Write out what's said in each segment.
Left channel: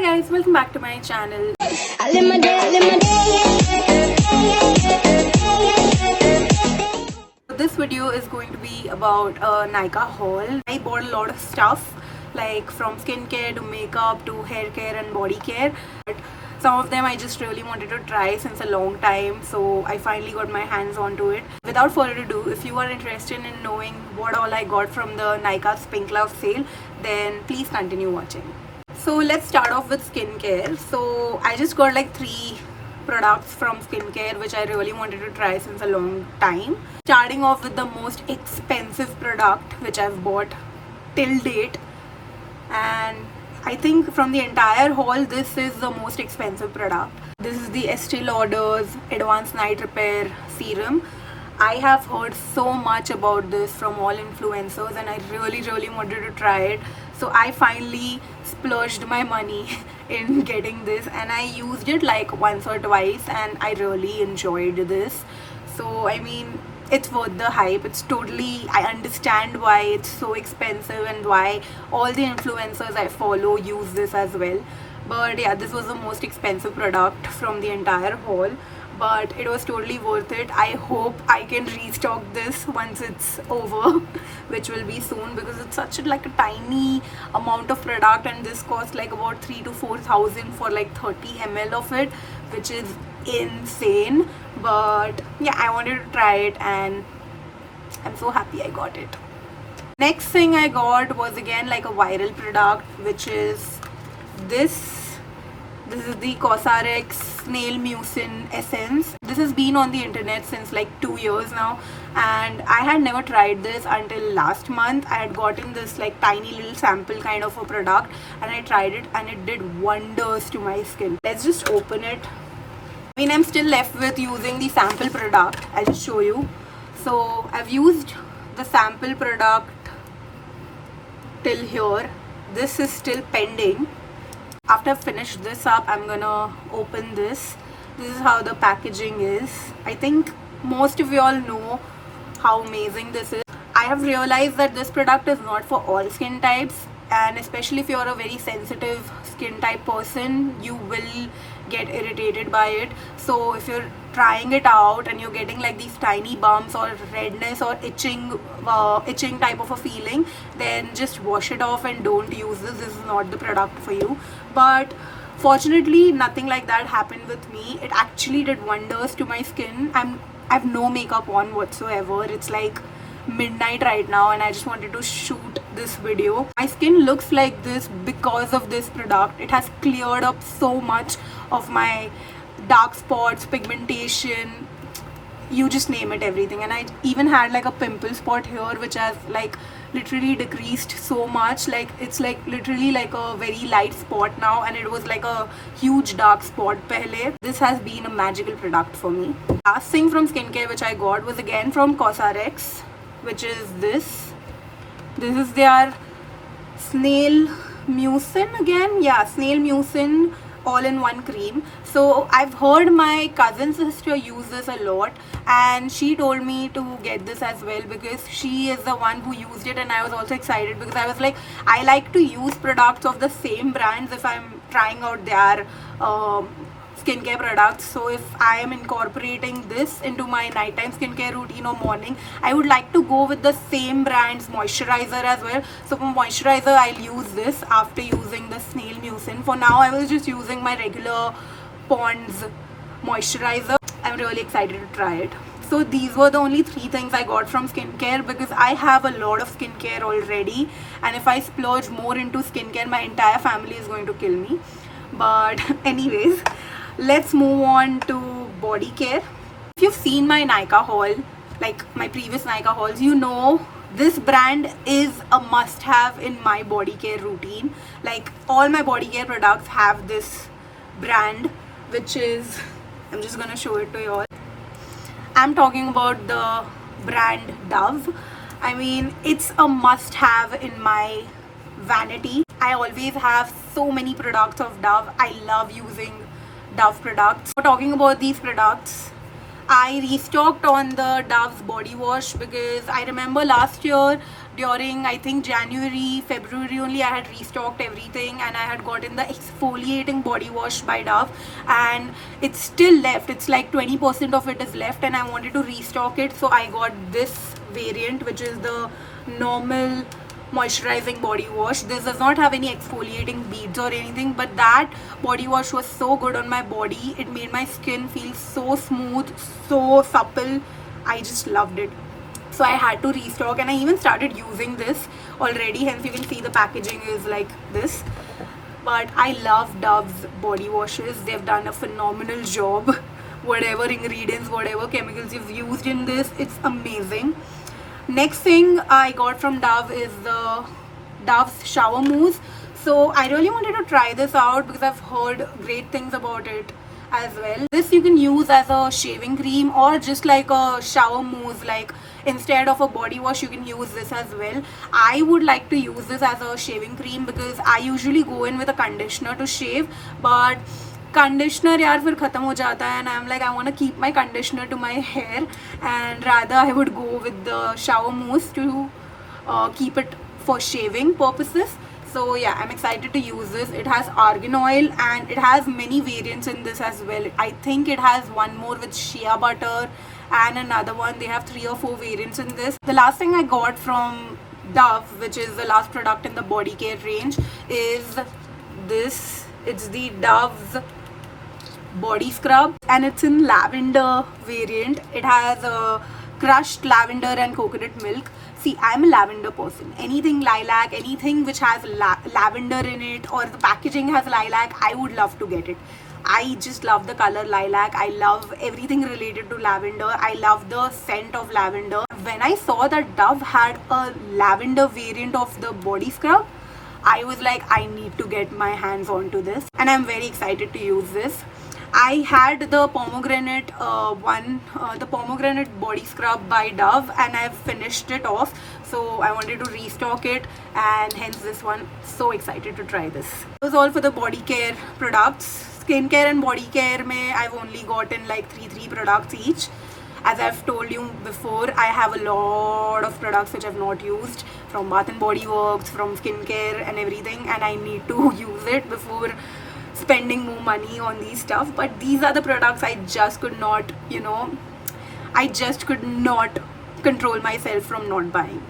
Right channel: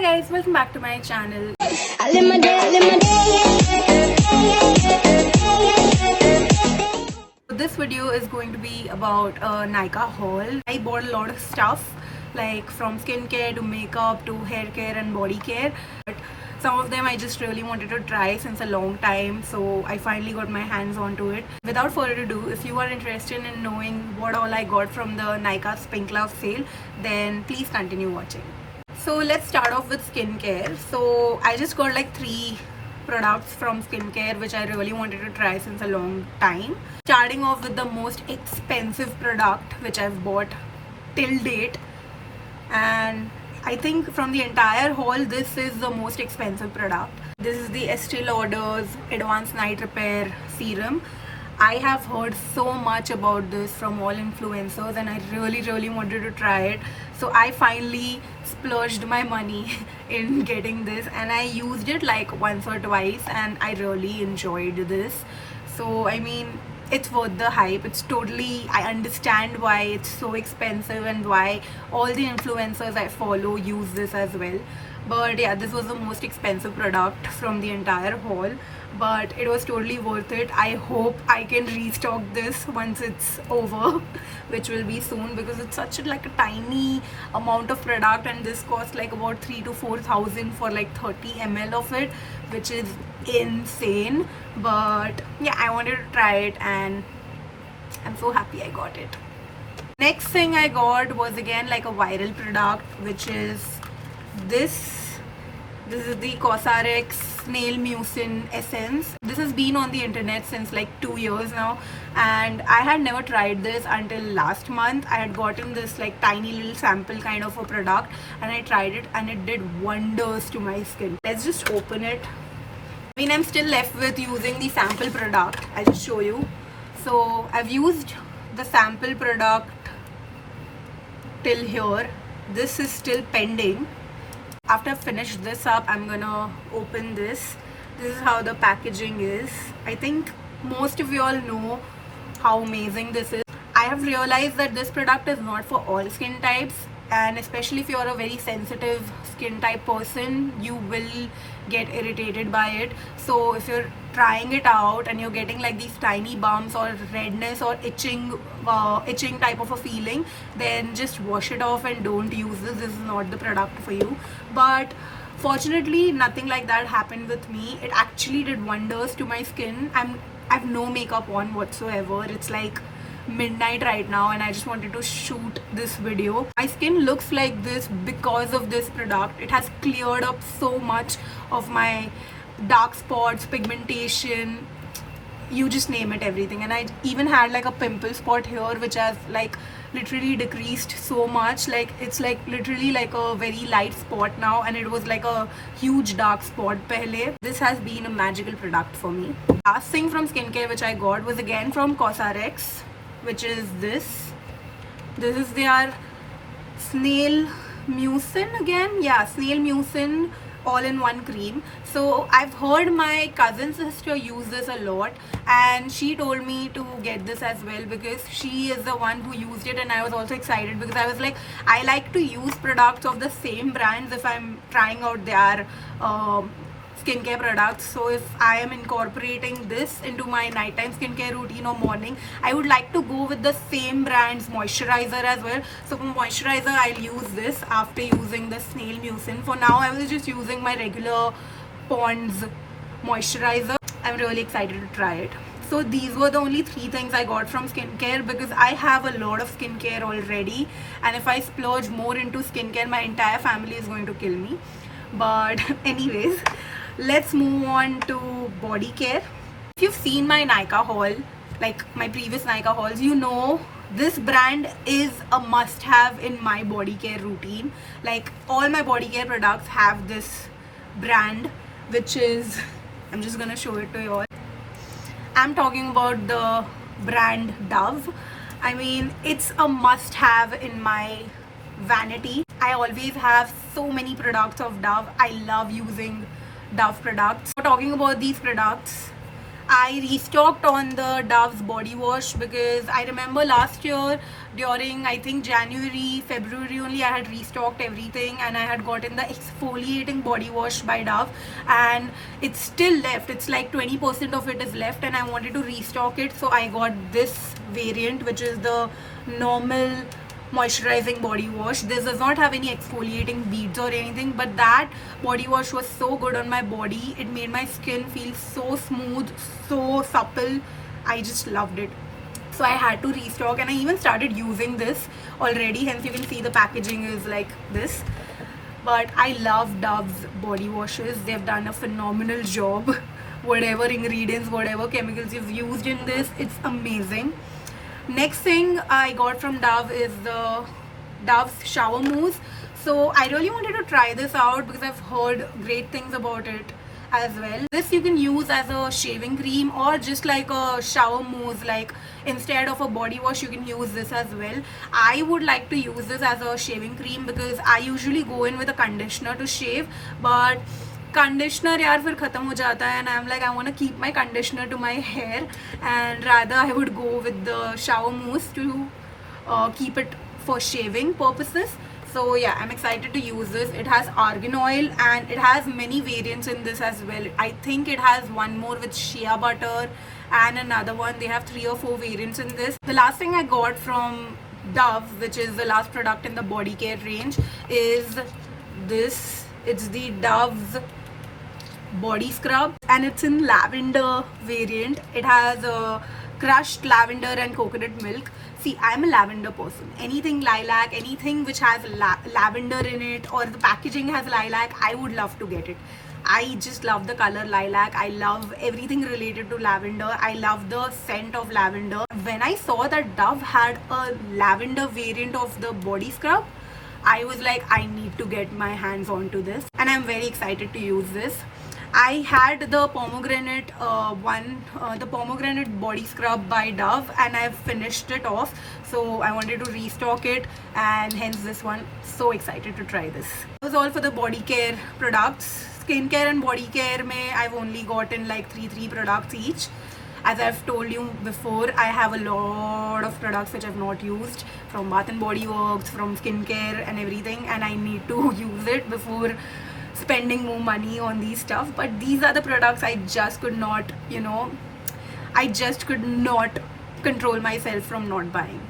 Hi guys, welcome back to my channel. This video is going to be about a Nykaa haul. I bought a lot of stuff like from skincare to makeup to hair care and body care. But some of them I just really wanted to try since a long time, so I finally got my hands onto it. Without further ado, if you are interested in knowing what all I got from the Nykaa Pink Love sale, then please continue watching. So let's start off with skincare. So I just got like 3 products from skincare which I really wanted to try since a long time. Starting off with the most expensive product which I've bought till date, and I think from the entire haul this is the most expensive product. This is the Este Lauder's Advanced Night Repair Serum. I have heard so much about this from all influencers and I really wanted to try it. So I finally splurged my money in getting this and I used it like once or twice and I really enjoyed this. So I mean, it's worth the hype. It's totally, I understand why it's so expensive and why all the influencers I follow use this as well. But yeah, this was the most expensive product from the entire haul, but it was totally worth it. I hope I can restock this once it's over, which will be soon, because it's such a tiny amount of product and this costs like about 3,000 to 4,000 for like 30 ml of it, which is insane. But yeah, I wanted to try it and I'm so happy I got it. Next thing I got was again like a viral product, which is this is the COSRX Snail Mucin Essence. This has been on the internet since like 2 years now and I had never tried this until last month. I had gotten this like tiny little sample kind of a product and I tried it and it did wonders to my skin. Let's just open it. I mean, I'm still left with using the sample product. I'll just show you. So I've used the sample product till here. This is still pending. After I've finished this up, I'm gonna open this. This is how the packaging is. I think most of you all know how amazing this is. I have realized that this product is not for all skin types, and especially if you're a very sensitive skin type person, you will get irritated by it. So if you're trying it out and you're getting like these tiny bumps or redness or itching type of a feeling, then just wash it off and don't use this. This is not the product for you. But fortunately nothing like that happened with me. It actually did wonders to my skin. I have no makeup on whatsoever. It's like midnight right now and I just wanted to shoot this video. My skin looks like this because of this product. It has cleared up so much of my dark spots, pigmentation, you just name it, everything. And I even had like a pimple spot here which has like literally decreased so much. Like it's like literally like a very light spot now and it was like a huge dark spot pehle. This has been a magical product for me. Last thing from skincare which I got was again from COSRX, which is this. This is their Snail Mucin again. Yeah, Snail Mucin all-in-one cream. So I've heard my cousin sister use this a lot and she told me to get this as well because she is the one who used it, and I was also excited because I was like, I like to use products of the same brands if I'm trying out their skincare products. So if I am incorporating this into my nighttime skincare routine or morning, I would like to go with the same brand's moisturizer as well. So for moisturizer, I'll use this after using the Snail Mucin. For now, I was just using my regular Pond's moisturizer. I'm really excited to try it. So these were the only 3 things I got from skincare because I have a lot of skincare already, and if I splurge more into skincare, my entire family is going to kill me. But anyways, let's move on to body care. If you've seen my Nykaa haul, like my previous Nykaa hauls, you know this brand is a must-have in my body care routine. Like all my body care products have this brand, which is, I'm just gonna show it to you all. I'm talking about the brand Dove. I mean, it's a must-have in my vanity. I always have so many products of Dove. I love using Dove products. Talking about these products, I restocked on the Dove's body wash because I remember last year during I think January, February only. I had restocked everything and I had gotten the exfoliating body wash by Dove, and it's still left. It's like 20% of it is left and I wanted to restock it, so I got this variant, which is the normal moisturizing body wash. This does not have any exfoliating beads or anything, but that body wash was so good on my body. It made my skin feel so smooth, so supple. I just loved it. So I had to restock, and I even started using this already, hence you can see the packaging is like this. But I love Dove's body washes. They've done a phenomenal job. Whatever ingredients, whatever chemicals you've used in this, it's amazing. Next thing I got from Dove is the Dove's shower mousse. So I really wanted to try this out because I've heard great things about it as well. This you can use as a shaving cream or just like a shower mousse, like instead of a body wash you can use this as well. I would like to use this as a shaving cream because I usually go in with a conditioner to shave, but conditioner yaar fir khatam ho jata hai, and I'm like, I want to keep my conditioner to my hair, and rather I would go with the shower mousse to keep it for shaving purposes. So yeah, I'm excited to use this. It has argan oil and it has many variants in this as well. I think it has one more with shea butter and another one. They have 3 or 4 variants in this. The last thing I got from Dove, which is the last product in the Bodycare range, is this. It's the Dove's body scrub and it's in lavender variant. It has crushed lavender and coconut milk. See, I'm a lavender person. Anything lilac, anything which has lavender in it, or the packaging has lilac, I would love to get it. I just love the color lilac. I love everything related to lavender. I love the scent of lavender. When I saw that Dove had a lavender variant of the body scrub, I was like, I need to get my hands onto this, and I'm very excited to use this. I had the pomegranate the pomegranate body scrub by Dove, and I've finished it off, so I wanted to restock it, and hence this one. So excited to try this. That was all for the body care products. Skincare and body care mein I've only gotten like 3 products each. As I've told you before, I have a lot of products which I've not used, from Bath and Body Works, from skincare and everything, and I need to use it before spending more money on these stuff. But these are the products I just could not, I just could not control myself from not buying.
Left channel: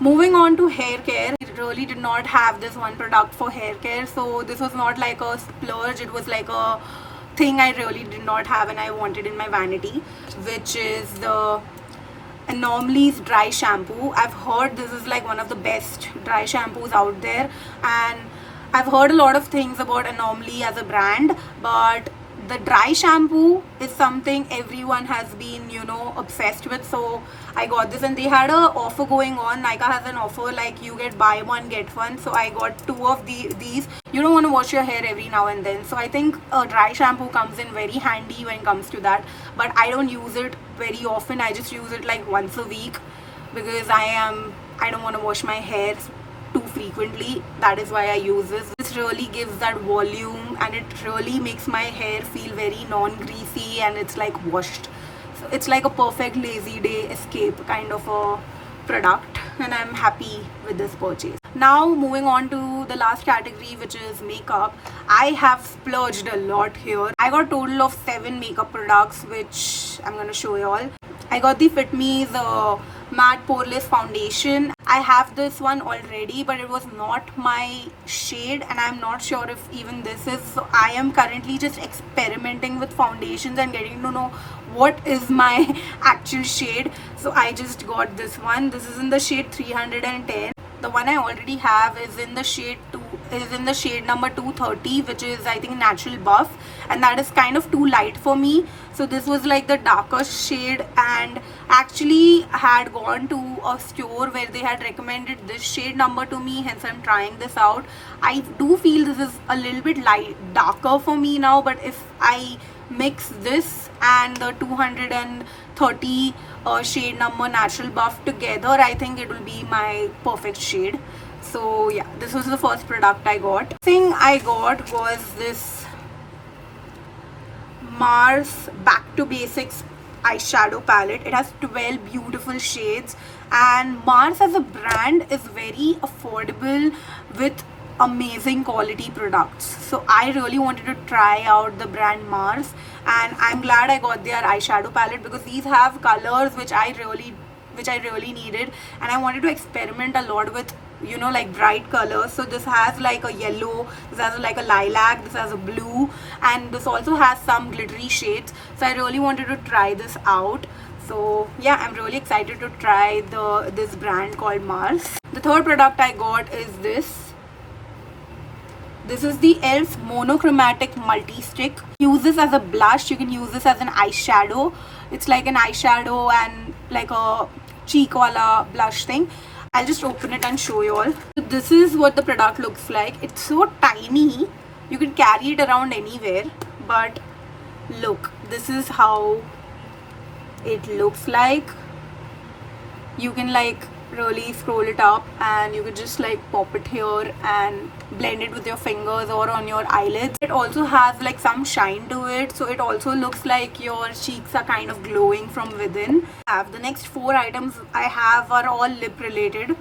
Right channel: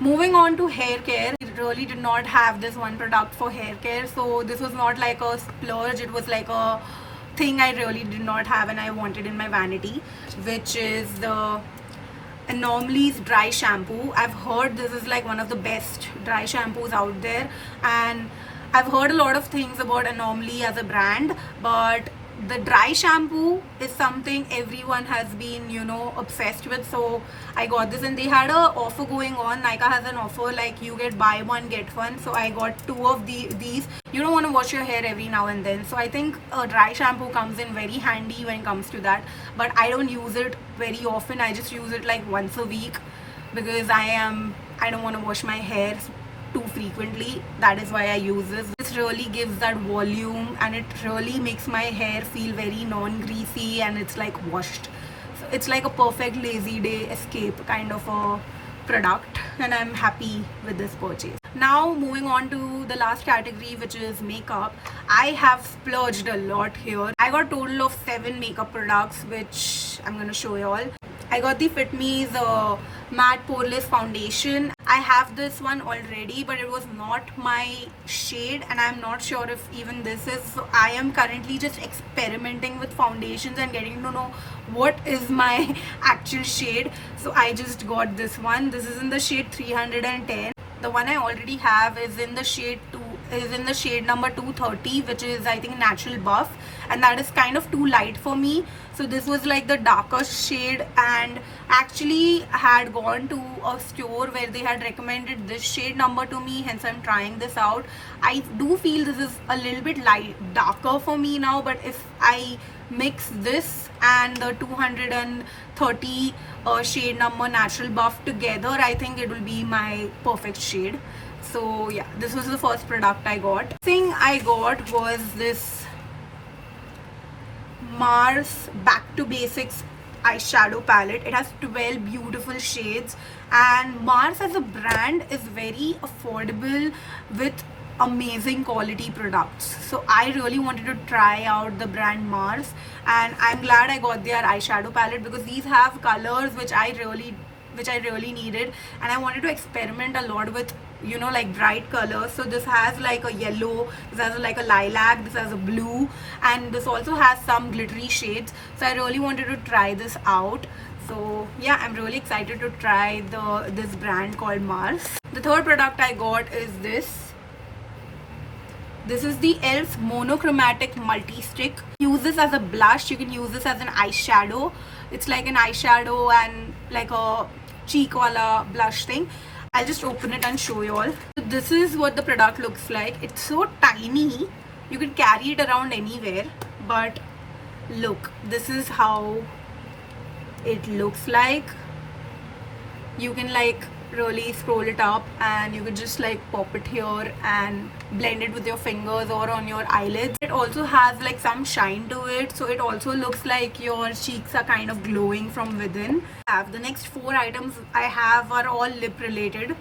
Moving on to hair care, I really did not have this one product for hair care, so this was not like a splurge. It was like a thing I really did not have and I wanted in my vanity, which is the Anomaly's dry shampoo. I've heard this is like one of the best dry shampoos out there, and I've heard a lot of things about Anomaly as a brand, but the dry shampoo is something everyone has been, obsessed with. So I got this, and they had a offer going on. Nykaa has an offer like you get buy one get one. So I got 2 of these. You don't want to wash your hair every now and then, so I think a dry shampoo comes in very handy when it comes to that. But I don't use it very often. I just use it like once a week because I don't want to wash my hair too frequently. That is why I use this. This really gives that volume, and it really makes my hair feel very non-greasy, and it's like washed. So it's like a perfect lazy day escape kind of a product, and I'm happy with this purchase. Now moving on to the last category, which is makeup. I have splurged a lot here. I got a total of 7 makeup products, which I'm gonna show you all. I got the Fit Me's Matte+Poreless foundation. I have this one already, but it was not my shade, and I'm not sure if even this is. So I am currently just experimenting with foundations and getting to know what is my actual shade. So I just got this one. This is in the shade 310. The one I already have is in the shade number 230, which is I think natural buff, and that is kind of too light for me. So this was like the darker shade, and actually had gone to a store where they had recommended this shade number to me, hence I'm trying this out. I do feel this is a little bit darker for me now, but if I mix this and the 230 shade number natural buff together, I think it will be my perfect shade. So yeah, this was the first product I got. Thing I got was this Mars Back to Basics eyeshadow palette. It has 12 beautiful shades, and Mars as a brand is very affordable with amazing quality products. So I really wanted to try out the brand Mars, and I'm glad I got their eyeshadow palette because these have colors which I really needed, and I wanted to experiment a lot with, you know, like bright colors. So this has like a yellow, this has like a lilac, this has a blue, and this also has some glittery shades. So I really wanted to try this out. So yeah, I'm really excited to try this brand called Mars. The third product I got is this. This is the e.l.f. Monochromatic Multi-Stick. Use this as a blush, you can use this as an eyeshadow. It's like an eyeshadow and like a cheek wala blush thing. I'll just open it and show you all. So this is what the product looks like. It's so tiny, you can carry it around anywhere. But look, this is how it looks like. You can like really scroll it up, and you could just like pop it here and blend it with your fingers or on your eyelids. It also has like some shine to it, so it also looks like your cheeks are kind of glowing from within. The next 4 items I have are all lip related,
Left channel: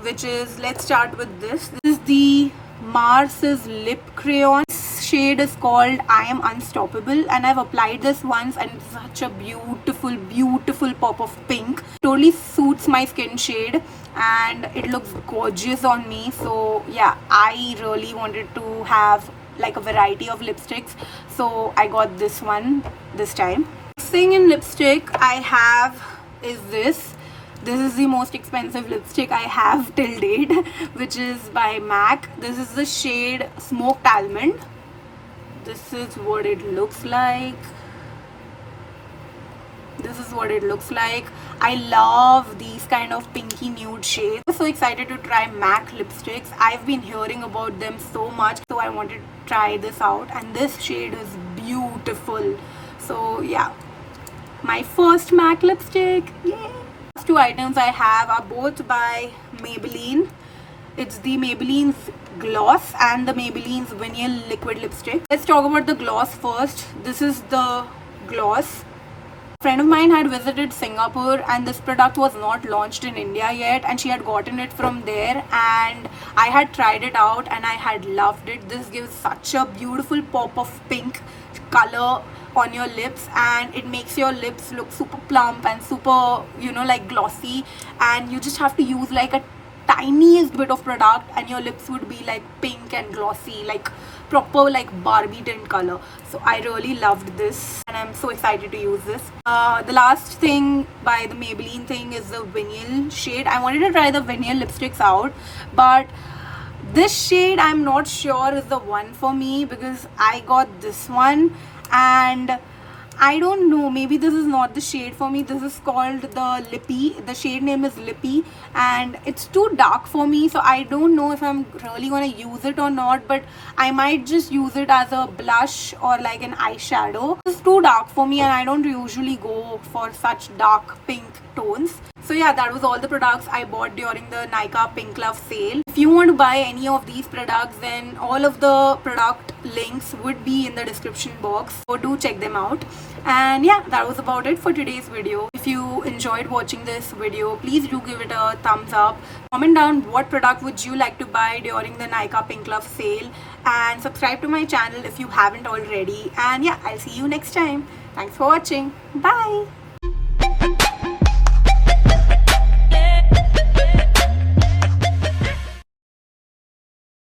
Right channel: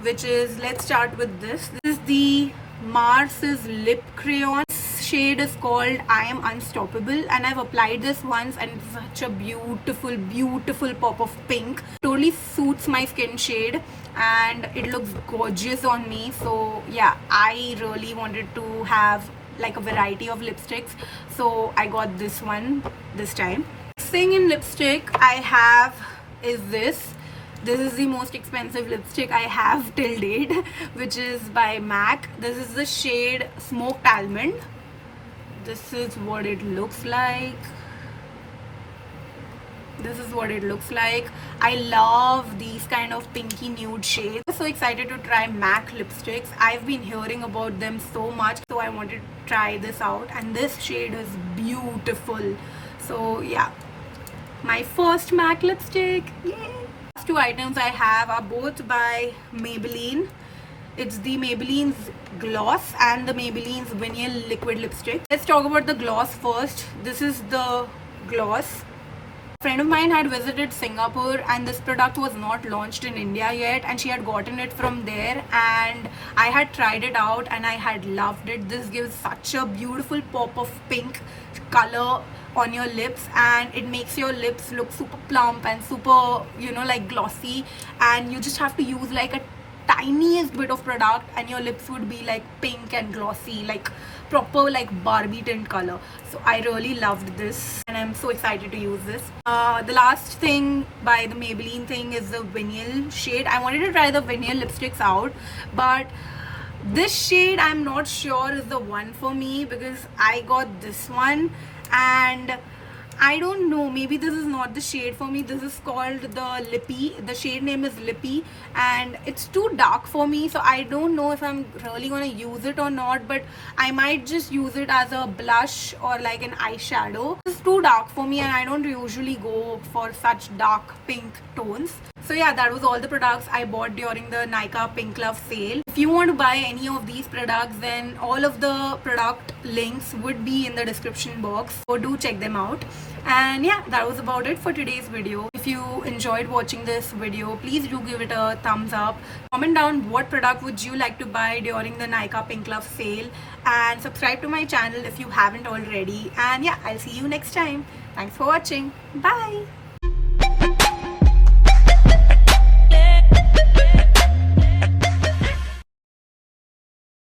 which is, let's start with this. This is the Mars's lip crayon. Shade is called I Am Unstoppable, and I've applied this once, and it's such a beautiful pop of pink. Totally suits my skin shade and it looks gorgeous on me. So yeah, I really wanted to have like a variety of lipsticks, so I got this one this time. Next thing in lipstick I have is this. This is the most expensive lipstick I have till date, which is by M.A.C. This is the shade Smoked Almond. This is what it looks like. This is what it looks like. I love these kind of pinky nude shades. I'm so excited to try M.A.C lipsticks. I've been hearing about them so much, so I wanted to try this out, and this shade is beautiful. So yeah, my first M.A.C lipstick. Yay! Last 2 items I have are both by Maybelline. It's the Maybelline's gloss and the Maybelline's Vinyl liquid lipstick. Let's talk about the gloss first. This is the gloss. A friend of mine had visited Singapore, and this product was not launched in India yet, and she had gotten it from there, and I had tried it out and I had loved it. This gives such a beautiful pop of pink color on your lips, and it makes your lips look super plump and super, you know, like glossy, and you just have to use like a tiniest bit of product and your lips would be like pink and glossy, like proper like Barbie tint color. So I really loved this, and I'm so excited to use this. The last thing by the Maybelline thing is the Vinyl shade. I wanted to try the Vinyl lipsticks out, but this shade I'm not sure is the one for me because I got this one, and I don't know, maybe this is not the shade for me. This is called the Lippy. The shade name is Lippy, and it's too dark for me, so I don't know if I'm really gonna use it or not, but I might just use it as a blush or like an eyeshadow. It's too dark for me, and I don't usually go for such dark pink tones. So yeah, that was all the products I bought during the Nykaa Pink Love sale. If you want to buy any of these products, then all of the product links would be in the description box, so do check them out. And yeah, that was about it for today's video. If you enjoyed watching this video, please do give it a thumbs up. Comment down what product would you like to buy during the Nykaa Pink Love sale, and subscribe to my channel if you haven't already. And yeah, I'll see you next time. Thanks for watching. Bye.